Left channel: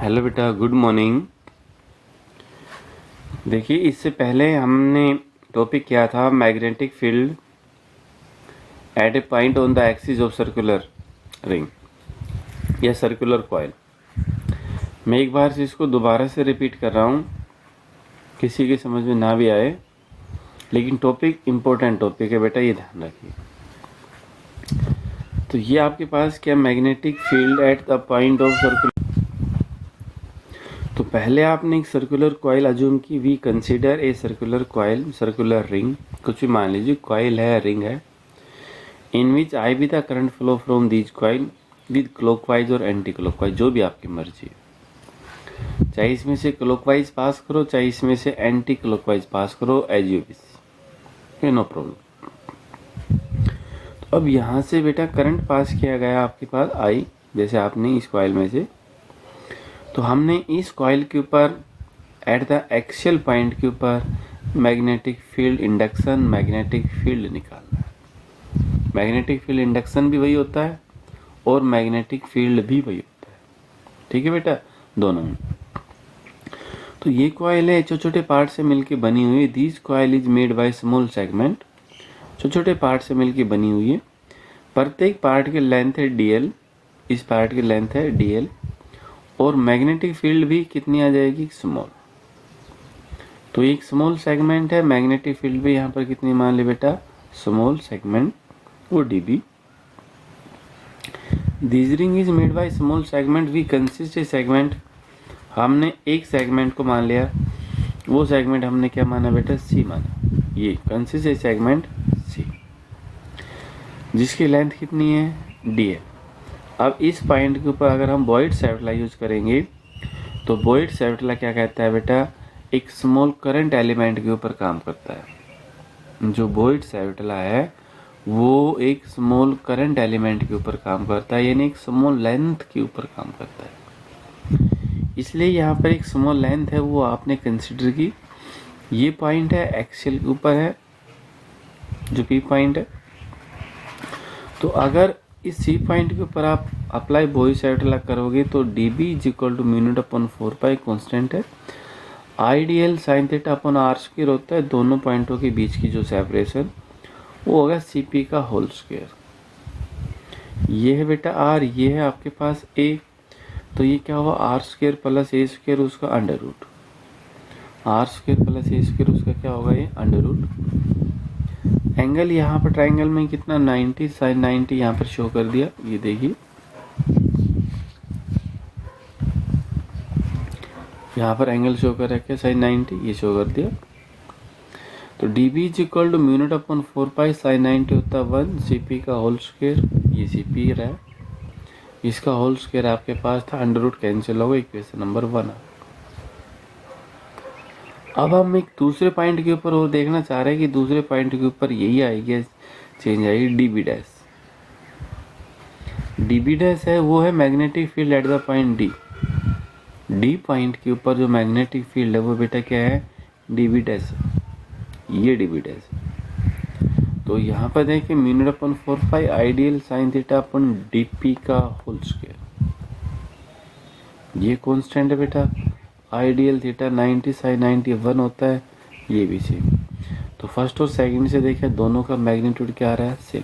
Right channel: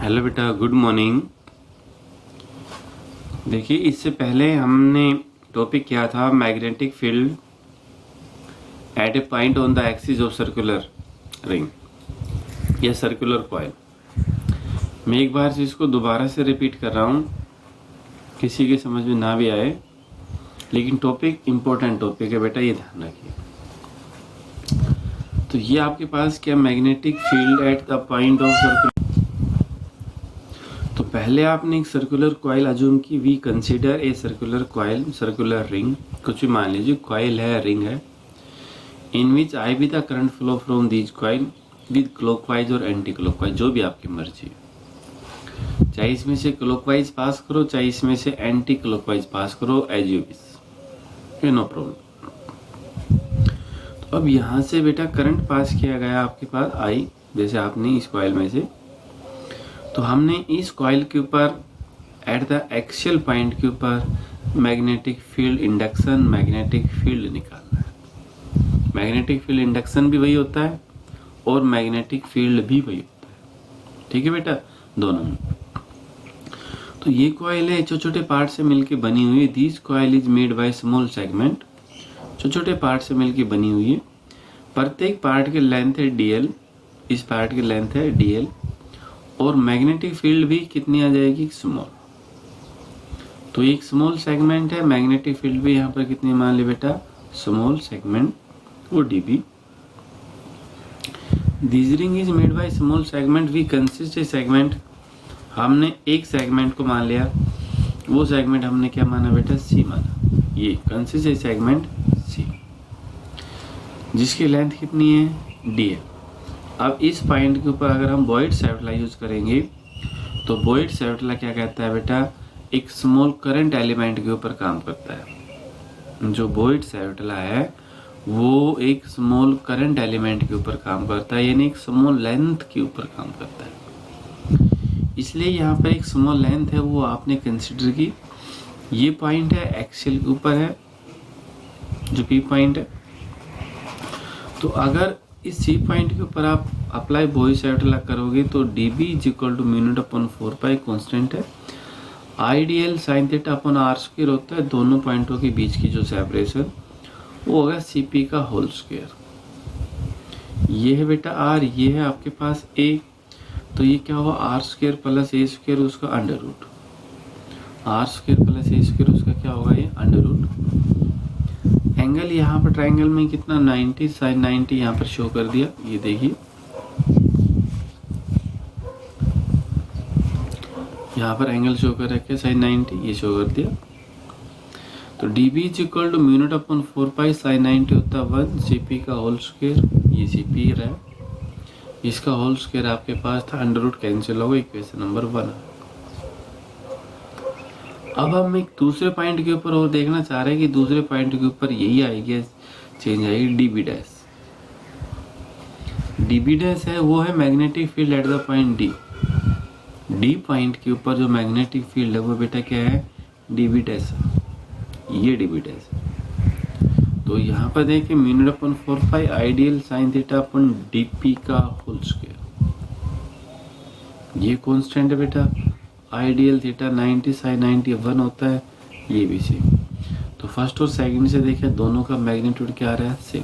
Hello बेटा, good morning. देखिए, इससे पहले हमने टॉपिक किया था magnetic field eight A point on the axis of circular ring या सर्कुलर कॉइल। मैं एक बार से इसको दोबारा से रिपीट कर रहा हूँ, किसी के समझ में ना भी आए, लेकिन टॉपिक इम्पोर्टेंट टॉपिक है बेटा, ये ध्यान रखिए। तो ये आपके पास क्या magnetic field at the point of circular. तो पहले आपने एक सर्कुलर कॉइल अज्यूम की। We consider a circular coil, circular ring, कुछ भी मान लीजिए, कॉइल है, रिंग है, in which I be the current flow from these coil with clockwise और एंटी क्लॉकवाइज, जो भी आपकी मर्जी, चाहे इसमें से क्लॉकवाइज पास करो, चाहे इसमें से एंटी क्लॉकवाइज पास करो, as you wish, no problem. तो अब यहाँ से बेटा करंट पास किया गया आपके पास आई, जैसे आपने इस कॉइल में से, तो हमने इस कॉइल के ऊपर एट द एक्सियल पॉइंट के ऊपर magnetic field induction, magnetic field निकालना है। मैग्नेटिक फील्ड इंडक्शन भी वही होता है और मैग्नेटिक फील्ड भी वही होता है, ठीक है बेटा, दोनों में। तो ये कॉइल है, छोटे छोटे पार्ट से मिलके बनी हुई। This coil is made by small segment, छोटे छोटे पार्ट से मिलके बनी हुई है। प्रत्येक पार्ट की लेंथ है dl, इस पार्ट की लेंथ है dl, और मैग्नेटिक फील्ड भी कितनी आ जाएगी, स्मॉल। तो एक स्मॉल सेगमेंट है, मैग्नेटिक फील्ड भी यहाँ पर कितनी मान ली बेटा, स्मॉल सेगमेंट, वो dB। This ring is made by small segment, we consist a segment, हमने एक सेगमेंट को मान लिया, वो सेगमेंट हमने क्या माना बेटा, C माना। ये कंसिस्ट ए सेगमेंट C, जिसकी लेंथ कितनी है, D है। अब इस पॉइंट के ऊपर अगर हम बॉयड सेवटला यूज करेंगे, तो बॉयड सेवटला क्या कहता है बेटा, एक स्मॉल करंट एलिमेंट के ऊपर काम करता है। जो बॉयड सेवटला है वो एक स्मॉल करंट एलिमेंट के ऊपर काम करता है, यानी एक स्मॉल लेंथ के ऊपर काम करता है। इसलिए यहाँ पर एक स्मॉल लेंथ है, वो आपने कंसिडर की। ये पॉइंट है, एक्सियल के ऊपर है, जो P पॉइंट है। तो अगर इस C पॉइंट के ऊपर आप अप्लाई बॉयड सेवटला करोगे तो dB is equal to mu naught upon 4 pi constant है। I d l sine theta upon r square होता है, दोनों पॉइंटों के बीच की जो सेपरेशन, वो होगा CP का होल स्क्वायर। ये है बेटा r, ये है आपके पास a, तो ये क्या हुआ, r square plus a square, उसका under root, r square plus a square, उसका क्या होगा, ये अंडर रूट। एंगल यहाँ पर ट्राइंगल में कितना, 90, साइन 90 यहाँ पर शो कर दिया, ये देखिए यहाँ पर एंगल शो कर रखा है साइन 90, ये शो कर दिया। तो dB is equal to mu naught upon 4 pi, sine 90 होता है 1, CP का होल स्क्वायर, ये CP रहा, इसका होल स्क्वायर आपके पास था, अंडर रूट कैंसिल होगा, इक्वेशन नंबर 1। अब हम एक दूसरे पॉइंट के ऊपर और देखना चाह रहे हैं कि दूसरे पॉइंट के ऊपर यही आएगी, चेंज आएगी, dB डैश। dB डैश है, वो है magnetic field at the point D। D point के ऊपर जो मैग्नेटिक फील्ड है वो बेटा क्या है, dB डैश, ये dB डैश। तो यहाँ पर देखिए mu naught upon 4 pi I d l sine theta upon dP का होल स्क्वायर, ये कांस्टेंट है बेटा। आइडियल थीटा 90 साइन 90 1 होता है, ये भी सेम। तो फर्स्ट और सेकंड से देखें, दोनों का मैग्नीट्यूड क्या आ रहा है, सेम।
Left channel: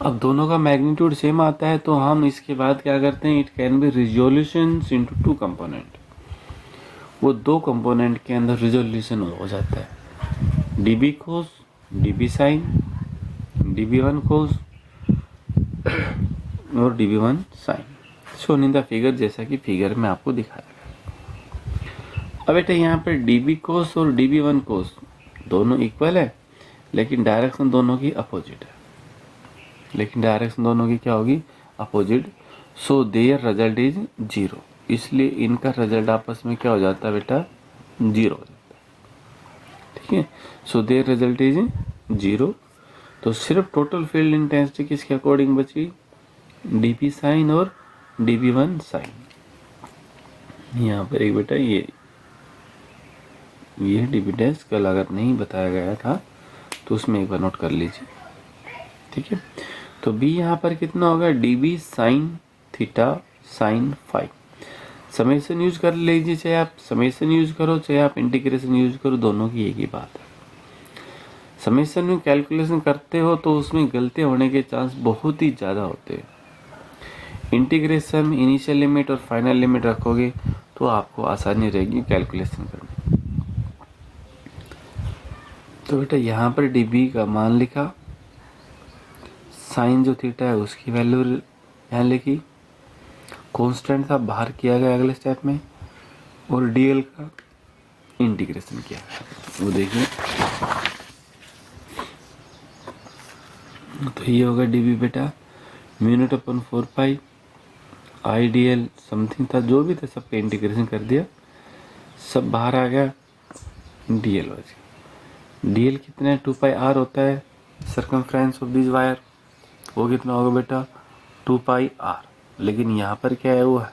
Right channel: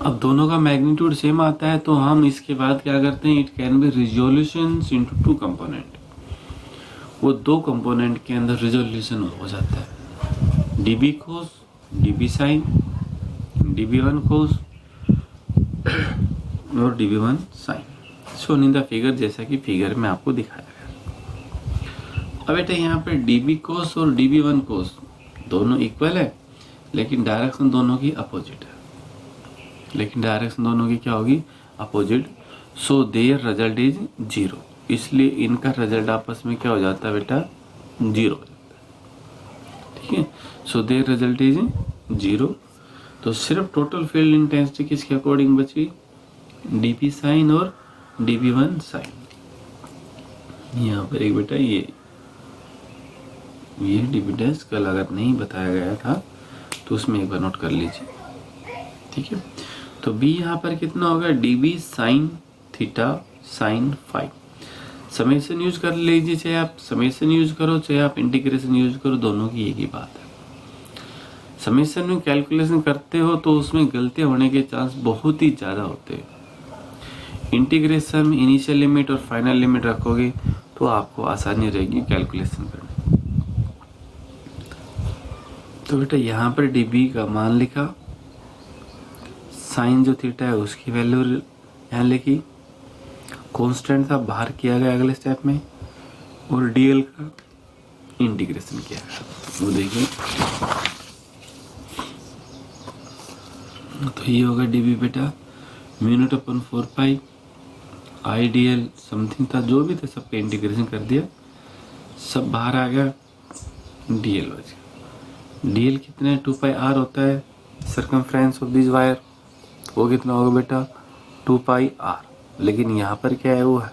अब दोनों का मैग्नीट्यूड सेम आता है तो हम इसके बाद क्या करते हैं, it can be resolution into 2 component, वो 2 कंपोनेंट के अंदर रिजोल्यूशन हो जाता है, dB cos, dB sine, dB1 cos और dB1 sine, shown in the figure, जैसा कि फिगर में आपको दिखाया गया। अब बेटा यहाँ पर dB कोस और dB1 कोस दोनों इक्वल है, लेकिन डायरेक्शन दोनों की अपोजिट है, लेकिन डायरेक्शन दोनों की क्या होगी, opposite. So there result is 0, इसलिए इनका रिजल्ट आपस में क्या हो जाता है बेटा, 0 हो जाता है, ठीक है। So there result is 0। तो सिर्फ टोटल फील्ड इंटेंसिटी किसके अकॉर्डिंग बची, dP साइन और dB1 साइन। यहाँ पर एक बेटा ये dB डैश कल अगर नहीं बताया गया था तो उसमें एक बार नोट कर लीजिए, ठीक है। तो B यहाँ पर कितना होगा, dB sine theta sin 5। Summation use कर लीजिए, चाहे आप समेशन यूज करो चाहे आप इंटीग्रेशन यूज करो, दोनों की एक ही बात है। समेशन में कैलकुलेशन करते हो तो उसमें गलती होने के चांस बहुत ही ज़्यादा होते हैं। इंटीग्रेशन में इनिशियल लिमिट और फाइनल लिमिट रखोगे तो आपको आसानी रहेगी कैलकुलेशन करने। तो बेटा यहाँ पर dB का मान लिखा, साइन जो थीटा है उसकी वैल्यू यहाँ लिखी, कांस्टेंट था बाहर किया गया अगले स्टेप में, और dl का इंटीग्रेशन किया गया। वो देखिए, तो ये होगा dB बेटा म्यू नॉट अपन 4 पाई आई dl समथिंग था, जो भी था सबका इंटीग्रेशन कर दिया, सब बाहर आ गया, dl बच। dl कितना है, 2 पाई r होता है सर्कमफ्रेंस ऑफ दिस वायर, वो कितना होगा बेटा 2 पाई r। लेकिन यहाँ पर क्या है, वो है,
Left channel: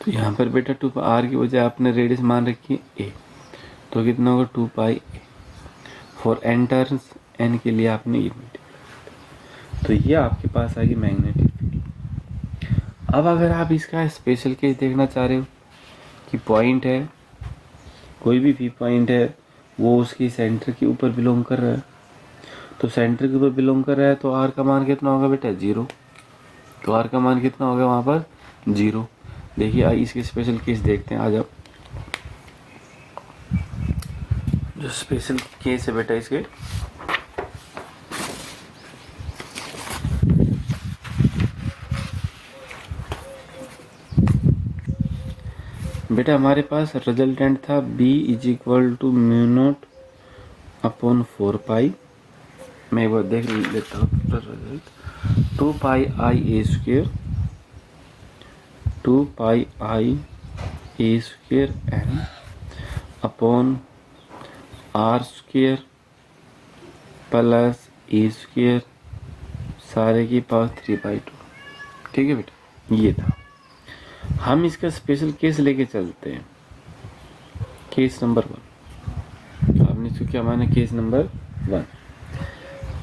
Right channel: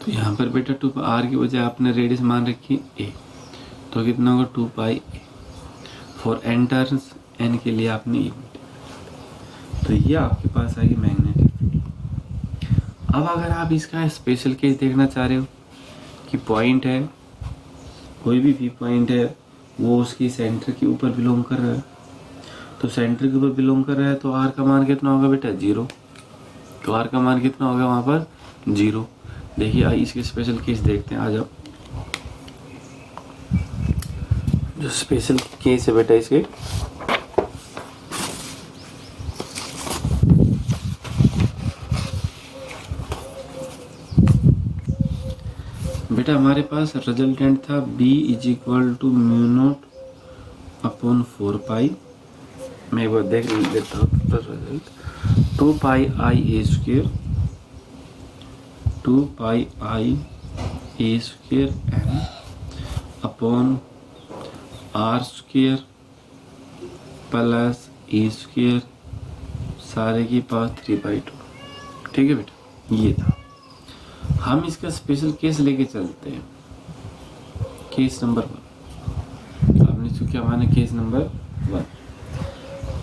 तो यहाँ पर बेटा 2 पाई r की वजह आपने रेडियस मान रखी a, तो कितना होगा 2 पाई a। For n turns, n के लिए आपने e, तो ये आपके पास आ गई मैग्नेटिक फील्ड। अब अगर आप इसका स्पेशल केस देखना चाह रहे हो कि पॉइंट है, कोई भी पॉइंट है, वो उसकी सेंटर के ऊपर बिलोंग कर रहा है, तो सेंटर के ऊपर बिलोंग कर रहा है तो आर का मान कितना होगा बेटा 0। तो आर का मान कितना होगा वहां पर 0। देखिए इसके स्पेशल केस देखते हैं। आज आप जो स्पेशल केस है बेटा इसके, बेटा हमारे पास रिजल्टेंट था b is equal to mu naught upon 4 pi, मैं वो देख लेता हूँ result, 2 pi I a square, 2 pi I a square N upon R square plus a square सारे की पावर 3/2। ठीक है बेटा, ये था। हम इसका स्पेशल केस लेके चलते हैं, केस नंबर 1। आपने इसको क्या माना, case number 1,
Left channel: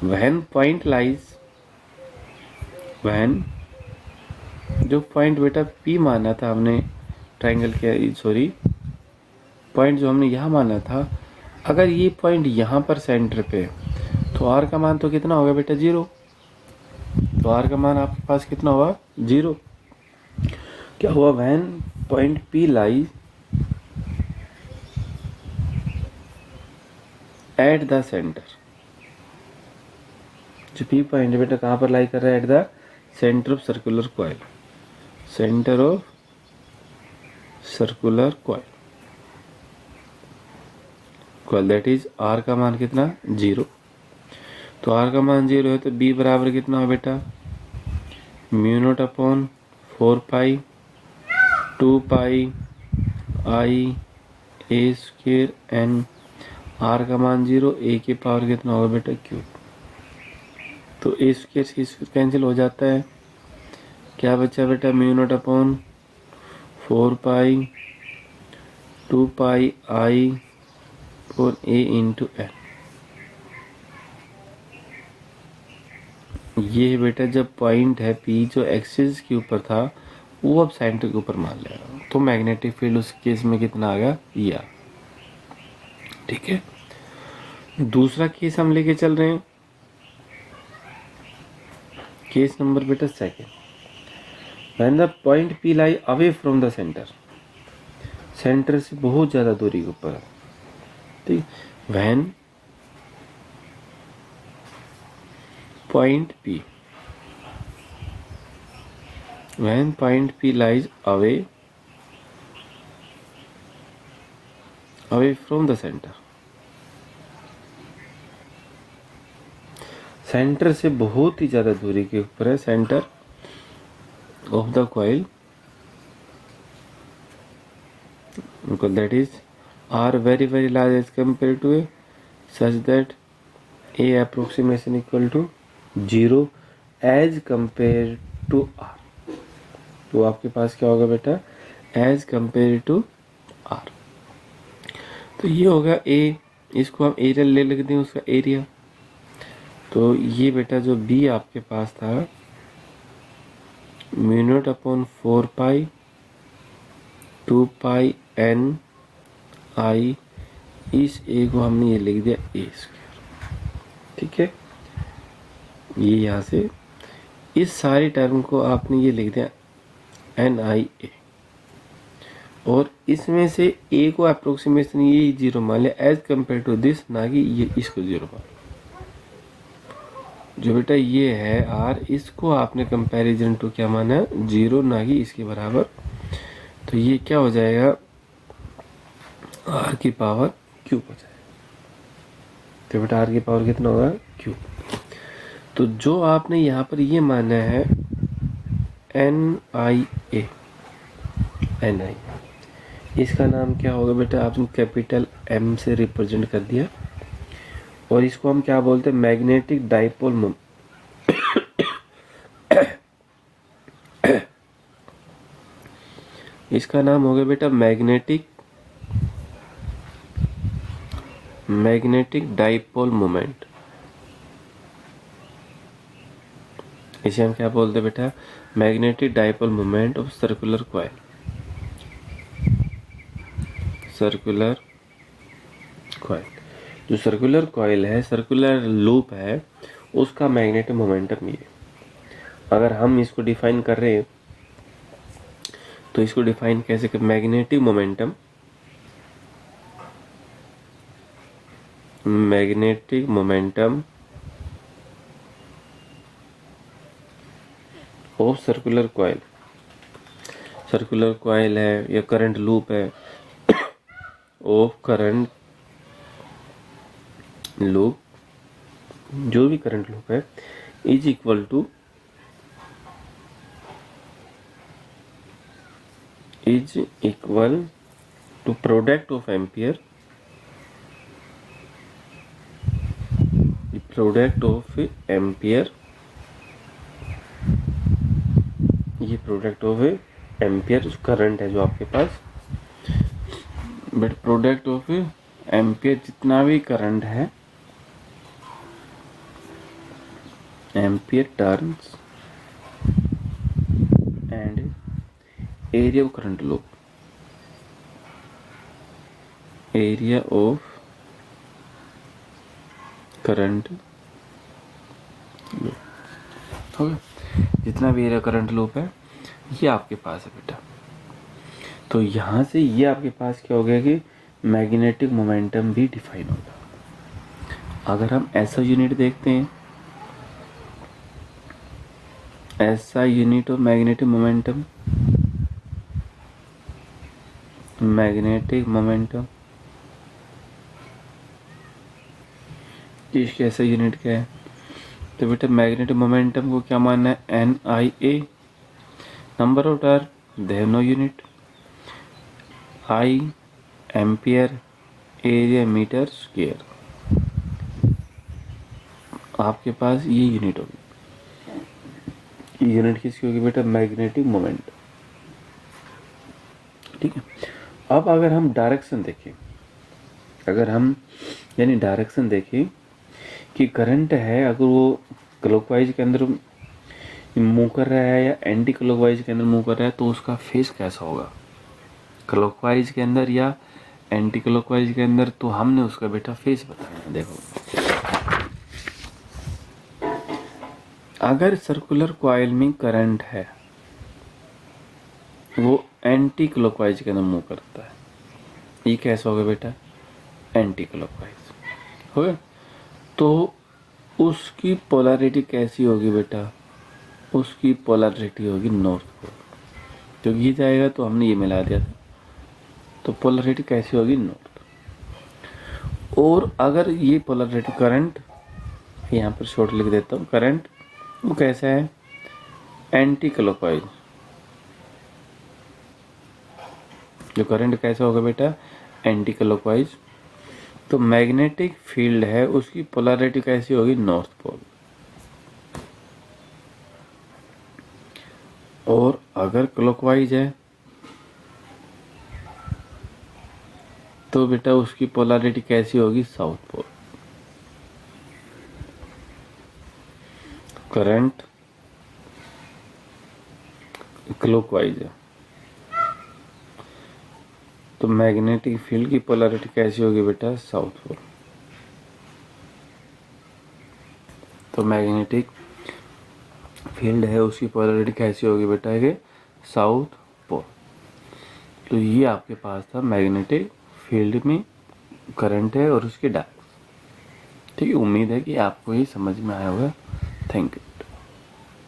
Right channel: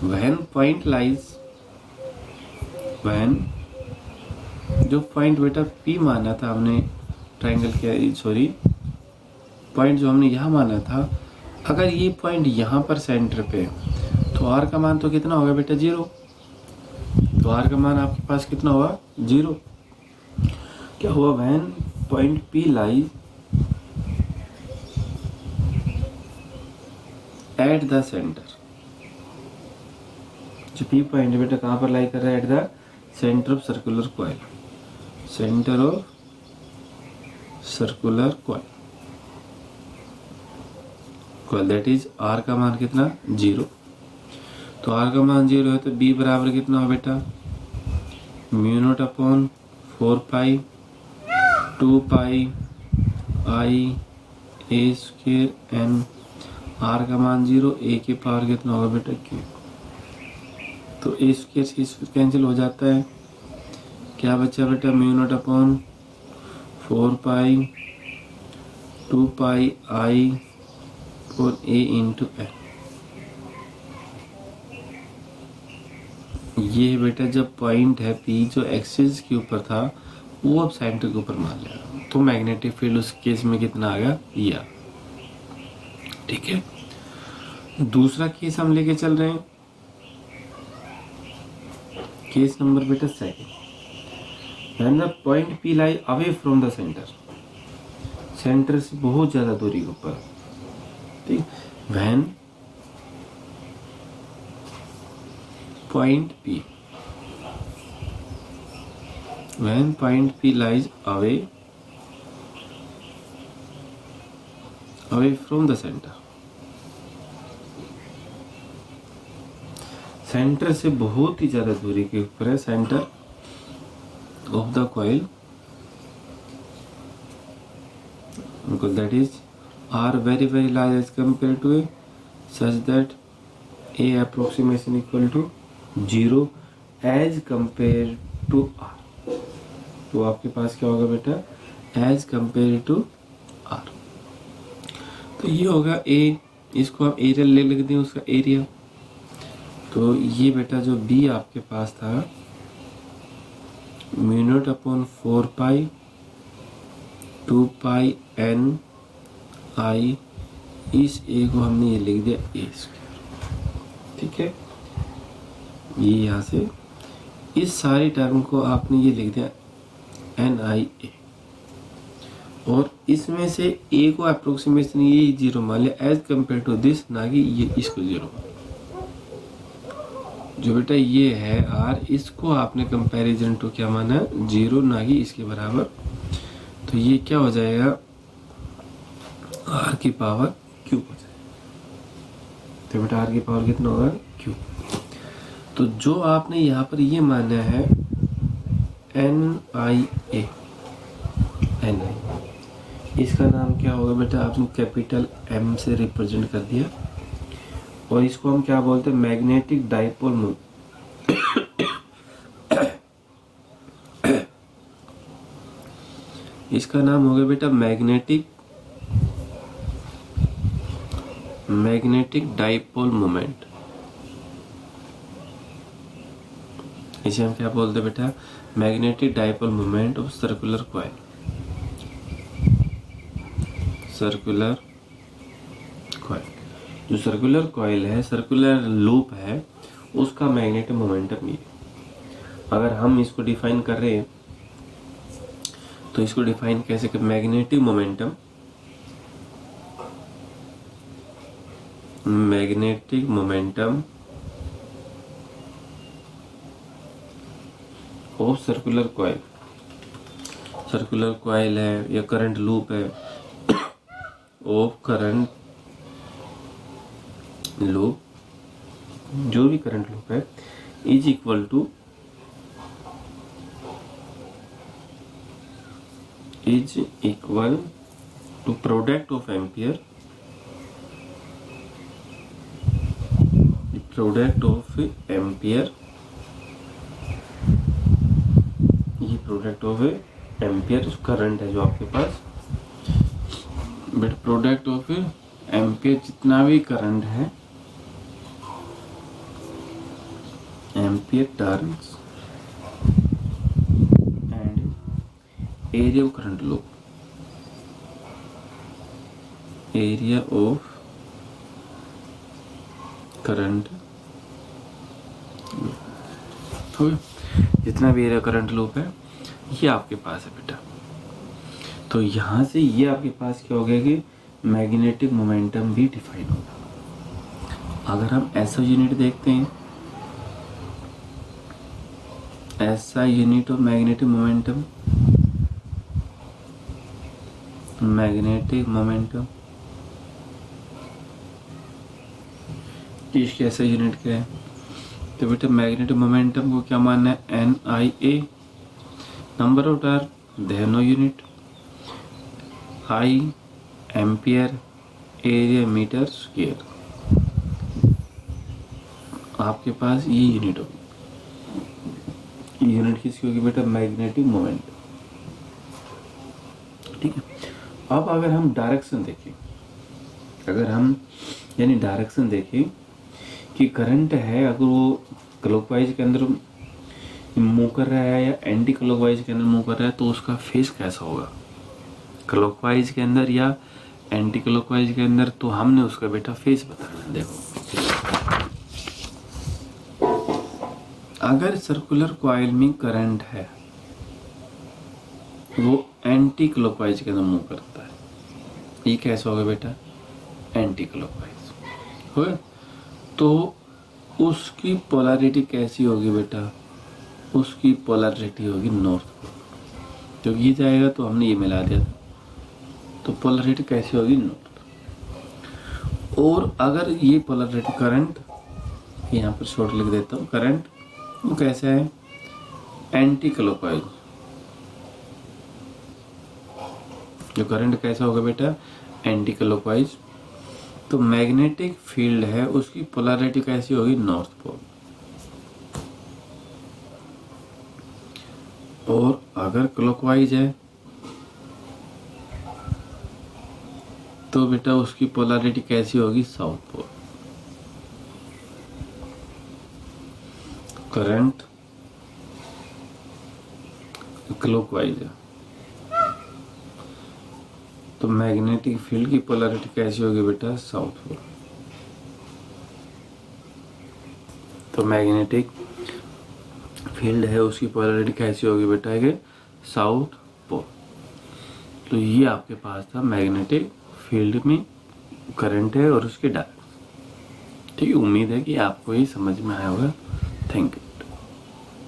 when point lies, when जो पॉइंट बेटा P माना था हमने ट्रायंगल के, सॉरी पॉइंट जो हमने यहाँ माना था, अगर ये पॉइंट यहाँ पर सेंटर पे तो R का मान तो कितना होगा बेटा 0। तो R का मान आपके पास कितना होगा 0। क्या हुआ, when point P lies at the centre, जो P पॉइंट है बेटा कहाँ पर लाई कर रहा है, at the centre of circular coil, centre of circular coil, that is R का मान कितना 0। तो R का मान 0 है तो B बराबर कितना हो बेटा mu naught upon 4 pi 2 pi I A square N, R का मान 0, A की पावर कितना होगा बेटा क्यूब। तो ए स्क्वायर कैंसिल हो जाता है, क्या बचा बेटा म्यू नॉट अपॉन 4 पाई 2 पाई आई और A इंटू एन। ये बेटा जब पॉइंट है P जो एक्सिस के ऊपर था वो अब सेंटर के ऊपर मान लिया, तो मैग्नेटिक फील्ड उस केस में कितना आ गया या। ठीक है, दूसरा केस हम लेके चल रहे हैं, केस नंबर बेटा 2, when the point P lie away from the centre, centre से बहुत ज्यादा दूरी के ऊपर। ठीक, when point P, when point P lies away from the center, centre से बहुत ही ज्यादा दूरी के ऊपर है centre of the coil, that is R very very large as compared to A, such that A approximation equal to 0 as compared to R। तो आपके पास क्या होगा बेटा एज कंपेयर टू R। तो ये होगा A, इसको हम एरिया ले लेते हैं उसका एरिया। तो ये बेटा जो B आपके पास था म्यू नॉट अपॉन 4 पाई 2 पाई एन आई, इस ए को हमने ये लिख दिया ए स्क्वायर। ठीक है, ये यहाँ से इस सारी टर्म को आपने ये लिख दिया एन आई ए, और इसमें से ए को अप्रोक्सीमेशन ये 0 मान लिया एज कम्पेयर टू दिस, ना कि ये इसको 0 मान लिया। जो बेटा ये है आर, इसको आपने कंपैरिजन टू क्या माना है 0, ना कि इसके बराबर। तो ये क्या हो जाएगा आर की पावर क्यूब हो जाएगा। तो बेटा आर की पावर कितना होगा क्यूब। तो जो आपने यहाँ पर ये माना है एन आई ए, एन आई, इसका नाम क्या होगा बेटा, आपने कैपिटल एम से रिप्रेजेंट कर दिया, और इसको हम क्या बोलते हैं मैग्नेटिक डाइपोल मोमेंट। इसका नाम होगा बेटा मैग्नेटिक डाइपोल मोमेंट। इसे हम क्या बोलते हैं बेटा magnetic dipole moment of circular coil. Circular coil, जो सर्कुलर कॉइल है, सर्कुलर लूप है, उसका मैग्नेटिक मोमेंटम ये। अगर हम इसको डिफाइन कर रहे हैं तो इसको डिफाइन कैसे कर, magnetic momentum of circular coil. Circular coil है या करंट लूप है, ऑफ करंट लूप, जो भी करंट लूप है, is equal to product of ampere, ये प्रोडक्ट ऑफ एम्पियर करंट है जो आपके पास, बट प्रोडक्ट ऑफ एम्पियर जितना भी करंट है, ampere turns and area of current loop, area of current loop, हो गया। जितना भी एरिया करंट लूप है ये आपके पास है बेटा। तो यहाँ से ये आपके पास क्या हो गया कि मैग्नेटिक मोमेंटम भी डिफाइन होगा। अगर हम ऐसा यूनिट देखते हैं, ऐसा यूनिट ऑफ मैग्नेटिक मोमेंटम, इसके ऐसा यूनिट क्या है, तो बेटा मैग्नेटिक मोमेंटम को क्या मानना है N I A, number of turn they have no unit, I ampere, area metre square, आपके पास ये यूनिट होगी। यूनिट किसकी होगी बेटा मैग्नेटिक मोमेंट। ठीक है, अब अगर हम डायरेक्शन देखें, यानी डायरेक्शन देखें कि करंट है, अगर वो क्लॉकवाइज के अंदर मूव कर रहा है या एंटी क्लॉकवाइज के अंदर मूव कर रहा है, तो उसका फेस कैसा होगा, क्लॉकवाइज के अंदर या एंटी क्लॉकवाइज के अंदर। तो हमने उसका बेटा फेस बताना है। देखो, अगर सर्कुलर कॉइल में करंट है, वो एंटी क्लॉकवाइज के अंदर मूव करता है, ये कैसा होगा बेटा एंटी क्लॉकवाइज होगा। तो उसकी पोलैरिटी कैसी होगी बेटा, उसकी पोलैरिटी होगी नॉर्थ पोल, क्योंकि ये जाएगा तो हमने ये मिला दिया, तो पोलैरिटी कैसी होगी नॉर्थ। और अगर ये पोलैरिटी करंट, यहाँ पर शॉर्ट लिख देता हूँ, करंट वो कैसा है एंटी क्लॉकवाइज, जो करंट कैसा होगा बेटा एंटी क्लॉकवाइज, तो मैग्नेटिक फील्ड है उसकी पोलैरिटी कैसी होगी नॉर्थ पोल। और अगर क्लॉकवाइज है तो बेटा उसकी पोलैरिटी कैसी होगी साउथ पोल। करंट क्लॉकवाइज है। तो मैग्नेटिक फील्ड की पोलैरिटी कैसी होगी बेटा? South pole. तो मैग्नेटिक फील्ड है उसकी पोलैरिटी कैसी होगी बेटा? कि साउथ पोल। तो ये आपके पास था मैग्नेटिक फील्ड में करंट है और उसके डायरेक्शन। ठीक है, उम्मीद है कि आपको ये समझ में आया होगा। Thank you.